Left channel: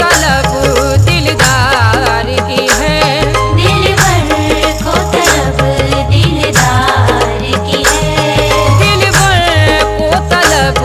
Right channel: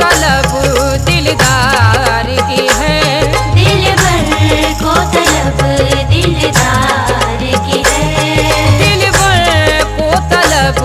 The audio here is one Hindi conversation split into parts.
तलब दिलदार की है। दिलबर को तलब दिलदार की है। दिलबर को तलब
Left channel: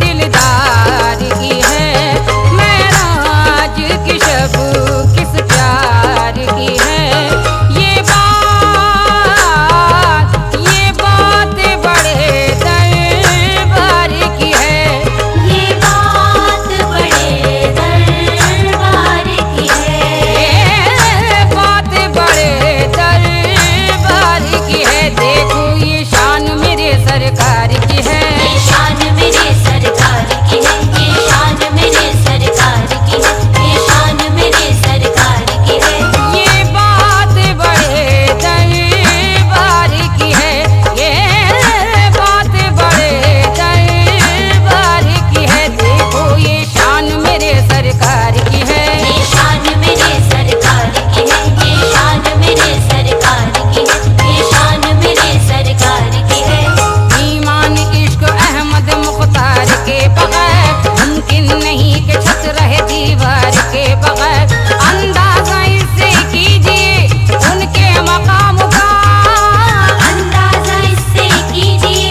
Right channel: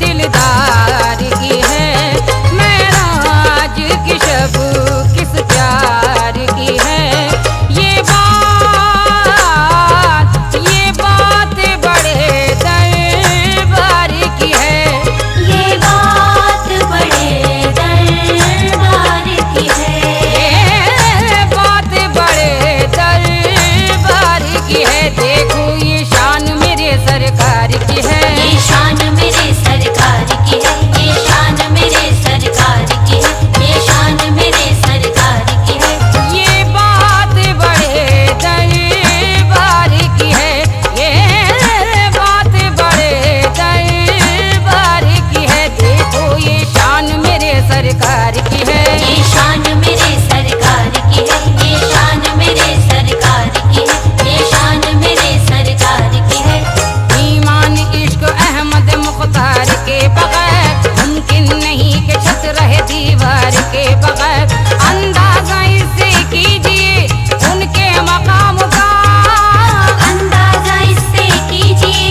दिलदार की है। महराज की शब किस प्यार की है। ये बात बड़े दरबार की है। ये बात बड़े दरबार की है। ये बात बड़े दरबार की है। देखो ये शान मेरे सरकार की है। ये शान मेरे सरकार की है। ये शान मेरे सरकार की है। ये शान मेरे सरकार की है। ये बात बड़े दरबार की है। ये बात बड़े दरबार की है। देखो ये शान मेरे सरकार की है। ये शान मेरे सरकार की है। ये शान मेरे सरकार की है। ये शान मेरे सरकार की है। ईमान इश्क अहमद मुख्तार के बगैर मुमकिन नहीं कि छत रहे दीवार के बगैर। अंदाजा इससे कीजिए उनके मकाम का। अंदाजा इससे कीजिए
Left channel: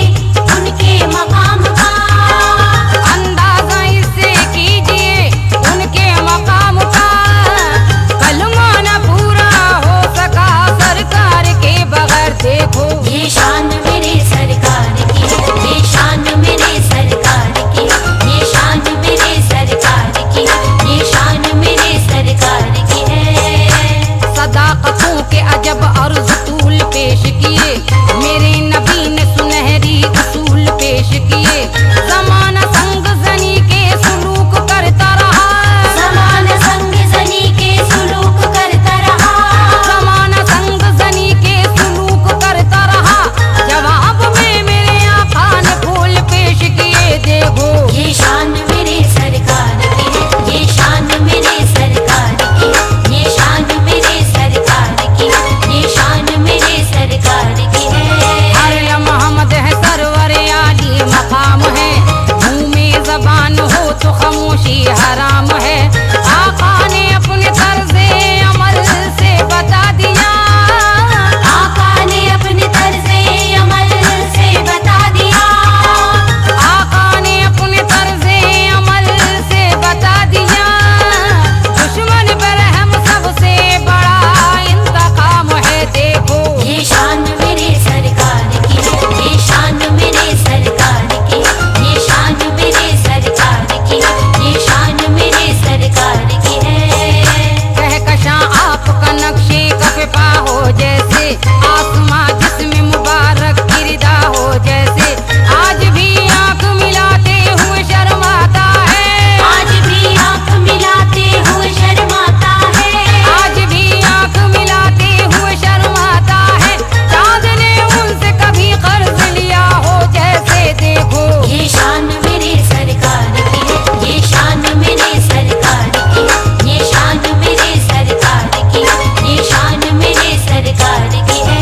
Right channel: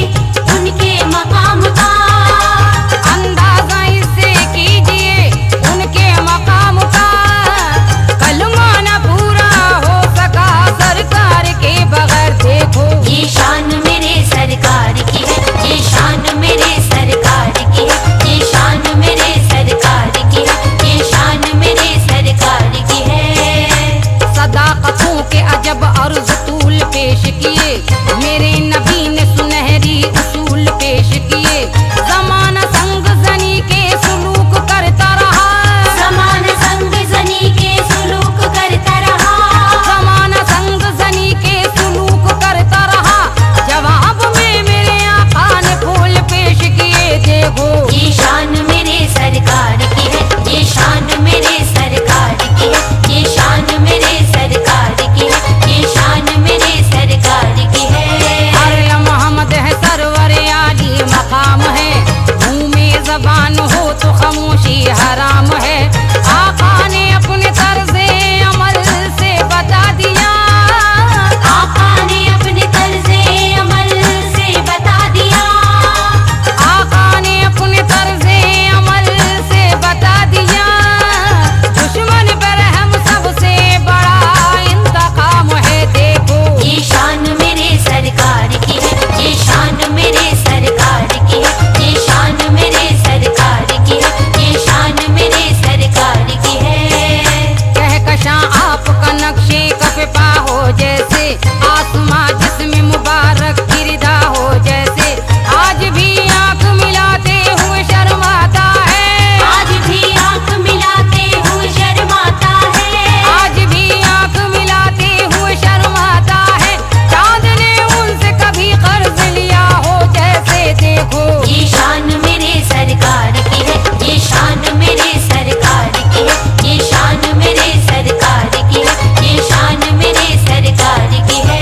उनके मकाम का। अंदाजा इससे कीजिए उनके मकाम का। कलमा न पूरा हो सका सरकार के बगैर। देखो ये शान मेरे सरकार की है। ये शान मेरे सरकार की है। ये शान मेरे सरकार की है। ये शान मेरे सरकार की है। सदाकतों के अजब अर्ज तूल पेश किए। मेरे नबी ने सुनहरी उसूल पेश किए। ज़माना संग जनी के सुलूक करता रहा। समान संग जनी के सुलूक करता रहा। ज़माना संग जनी के सुलूक करता रहा। जवाब में मेरे आका ने फूल पेश किए। देखो ये शान मेरे सरकार की है। ये शान मेरे सरकार की है। ये शान मेरे सरकार की है। ये शान मेरे सरकार की है। हर मोहम्मद है सरवर आली मकाम है। मुँह में जबान हो तो खामोशी हराम है। आका ने अपने तर्ज़े अमल से बता दिया। आका ने अपने तर्ज़े अमल से बता दिया। आका ने अपने तर्ज़े अमल से बता दिया। दुश्मन पर हम सबसे बड़ा इंतकाम है। देखो ये शान मेरे सरकार की है। ये शान मेरे सरकार की है। ये शान मेरे सरकार की है। ये शान मेरे सरकार की है। कहकशां आपका नक्शे कफ़े पा हो जैसे। आसमां जिसमें मुबारक गिरदा हो जैसे। आज भी आंख मिलाते हुए शर्माता है। आज भी आंख मिलाते हुए शर्माता है। आज भी आंख मिलाते हुए शर्माता है। चांद ने उनसे कभी कर्ज लिया हो जैसे। देखो ये शान मेरे सरकार की है। ये शान मेरे सरकार की है। ये शान मेरे सरकार की है। ये शान मेरे सरकार की है।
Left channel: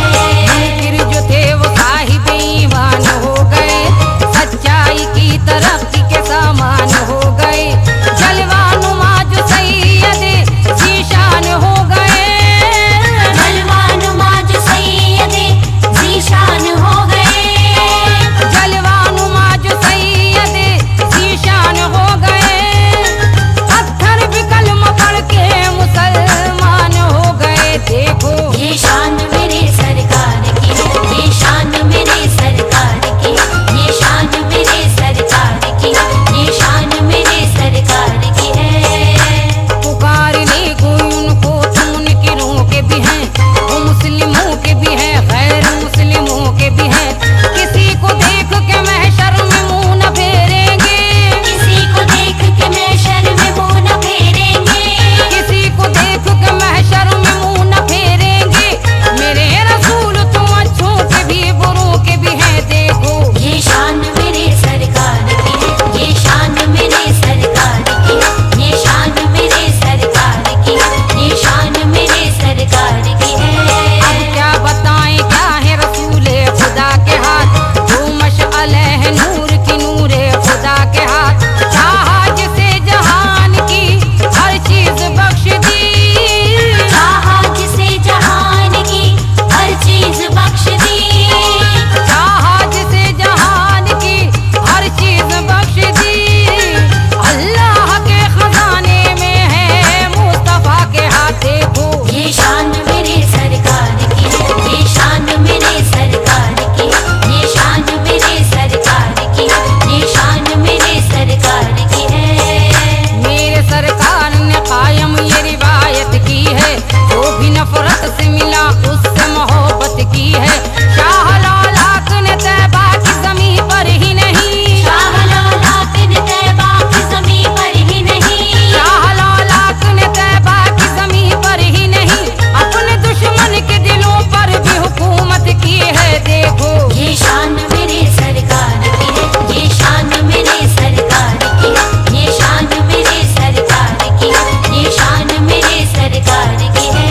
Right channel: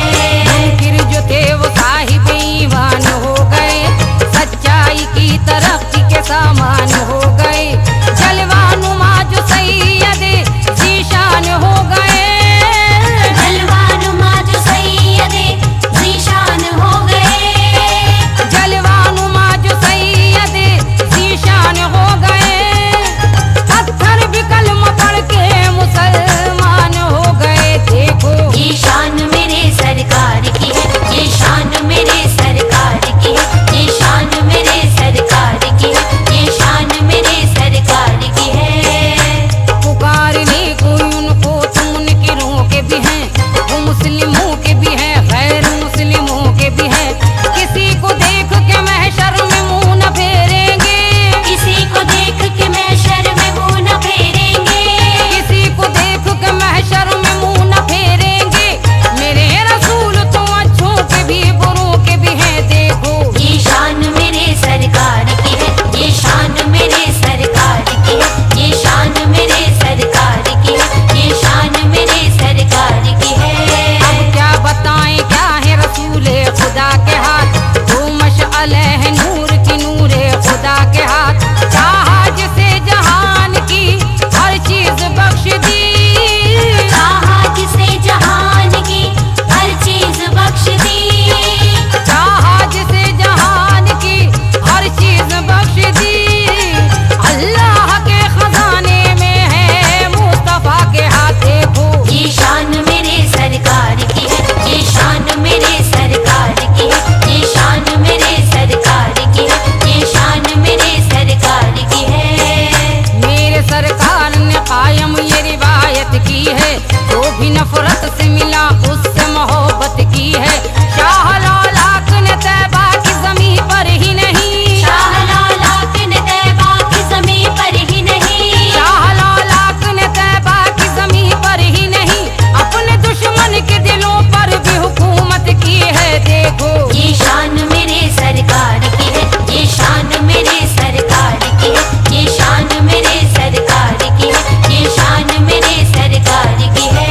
है, जो भी नफरत से मिला उससे मोहब्बत की है। शाह लालाक ने तैबा की ज़मीं पर ही नहीं, शाह लालाक ने तैबा की ज़मीं पर ही नहीं, शाह लालाक ने तैबा की ज़मीं पर ही नहीं, अपने दुश्मन के दिलों पर भी हुकूमत की है। देखो ये शान मेरे सरकार की है, ये शान मेरे सरकार की है, ये शान मेरे सरकार की है, ये शान मेरे सरकार की है।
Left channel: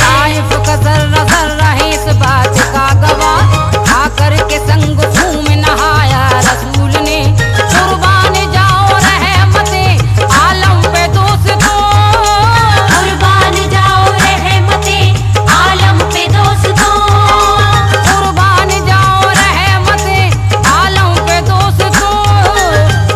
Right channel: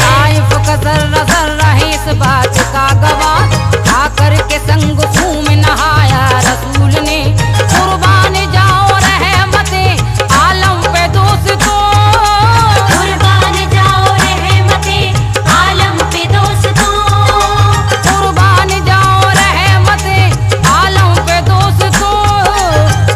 ताइफ का जर्रा जर्रा है इस बात का गवाह, खाकर के संग खून में नहाया रसूल ने। कुर्बान जाओ रहमते आलम पे दोस्तों, कुर्बान जाओ रहमते आलम पे दोस्तों, कुर्बान जाओ रहमते आलम पे दोस्तों।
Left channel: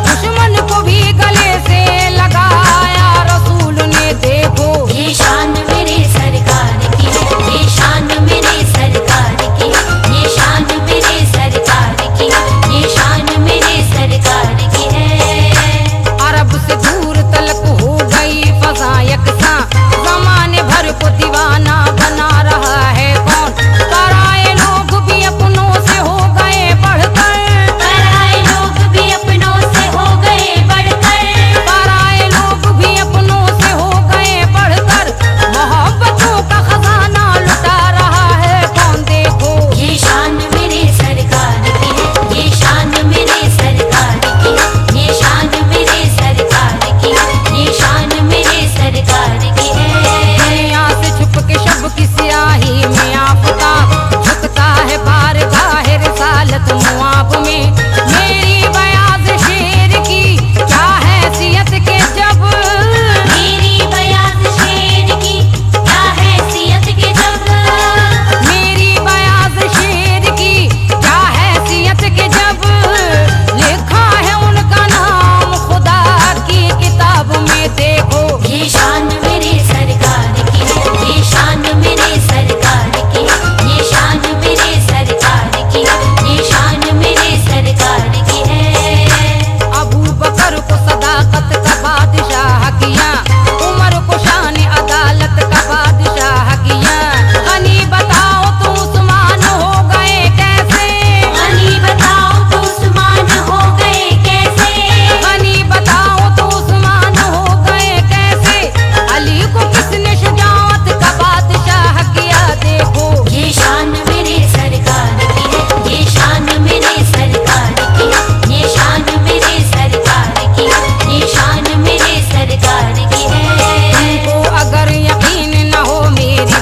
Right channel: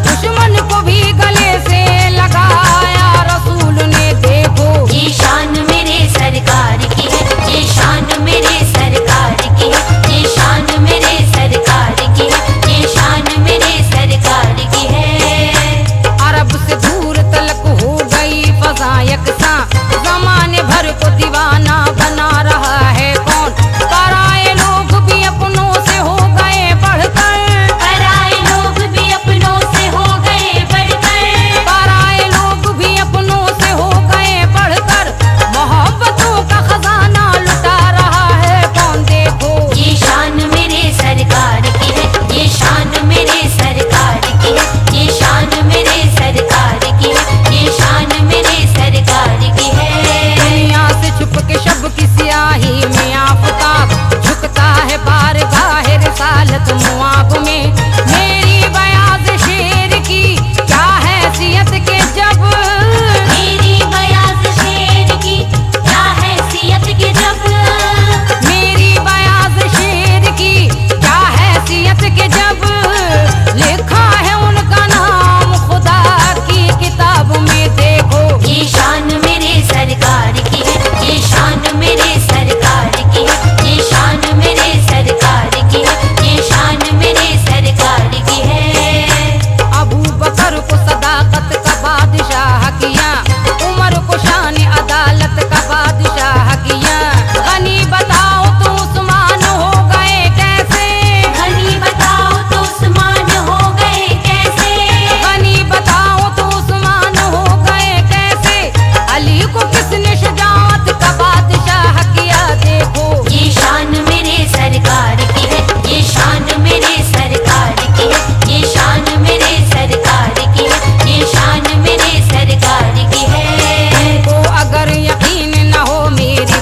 दुश्मन को भी गले से लगाया रसूल ने। देखो ये शान मेरे सरकार की है, ये शान मेरे सरकार की है, ये शान मेरे सरकार की है, ये शान मेरे सरकार की है। अरब से दूर तलक हो गई फजा यकसा, जमाने भर को दीवाना बना रहा है कौन। पराए लोग भी अपनों से हो गए बढ़कर, पराए लोग भी अपनों से हो गए बढ़कर, पराए लोग भी अपनों से हो गए बढ़कर। मोहब्बतों का खजाना लुटा रहा है कौन। देखो ये शान मेरे सरकार की है, ये शान मेरे सरकार की है, ये शान मेरे सरकार की है, ये शान मेरे सरकार की है। दुनिया से छुप के शब की स्याही में आफताब झुकता है बारगाह रिसालत मुआब में। मेरी बयाज शेर की क्या हैसियत के जब, मेरी बयाज शेर की क्या हैसियत के जब, मेरी बयाज शेर की क्या हैसियत के जब, लिखा है उनका नाम खुदा की किताब में। देखो ये शान मेरे सरकार की है, ये शान मेरे सरकार की है, ये शान मेरे सरकार की है, ये शान मेरे सरकार की है। अबू बकर को सदाकत का बादशाह किया, उमर को शान अदालत का बादशाह किया। गनी बताओ तो उस्मान हो गए कैसे, गनी बताओ तो उस्मान हो गए कैसे, गनी बताओ तो उस्मान हो गए कैसे। अली को किसने शुजाअत का बादशाह किया। देखो ये शान मेरे सरकार की है, ये शान मेरे सरकार की है, ये शान मेरे सरकार की है, ये शान मेरे सरकार की है। तुमको अगर यकीन न हो मेरी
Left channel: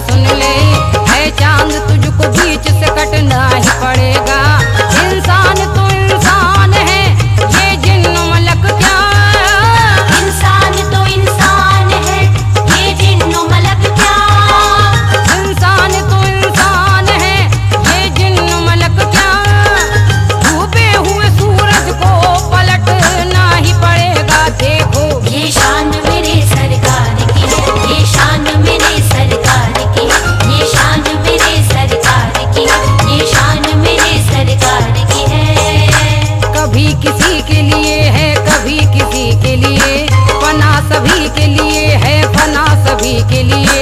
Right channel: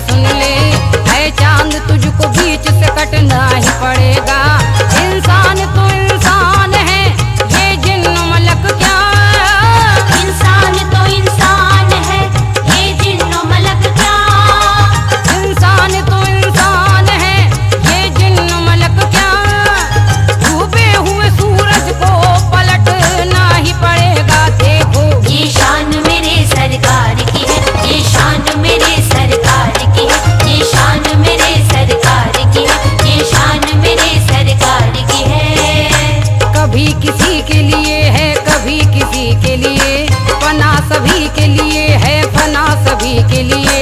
सुन ले, है चांद तुझको बीच से कटना ही पड़ेगा। इंसान तो इंसान है, ये जिन्न मलक क्या। इंसान तो इंसान है, ये जिन्न मलक क्या। इंसान तो इंसान है, ये जिन्न मलक क्या। डूबे हुए सूरज को पलटना ही पड़ेगा। देखो ये शान मेरे सरकार की है, ये शान मेरे सरकार की है, ये शान मेरे सरकार की है, ये शान मेरे सरकार की है। कभी किसी के लिए है, कभी किसी के लिए, फना सभी के लिए है, फना सभी के लिए।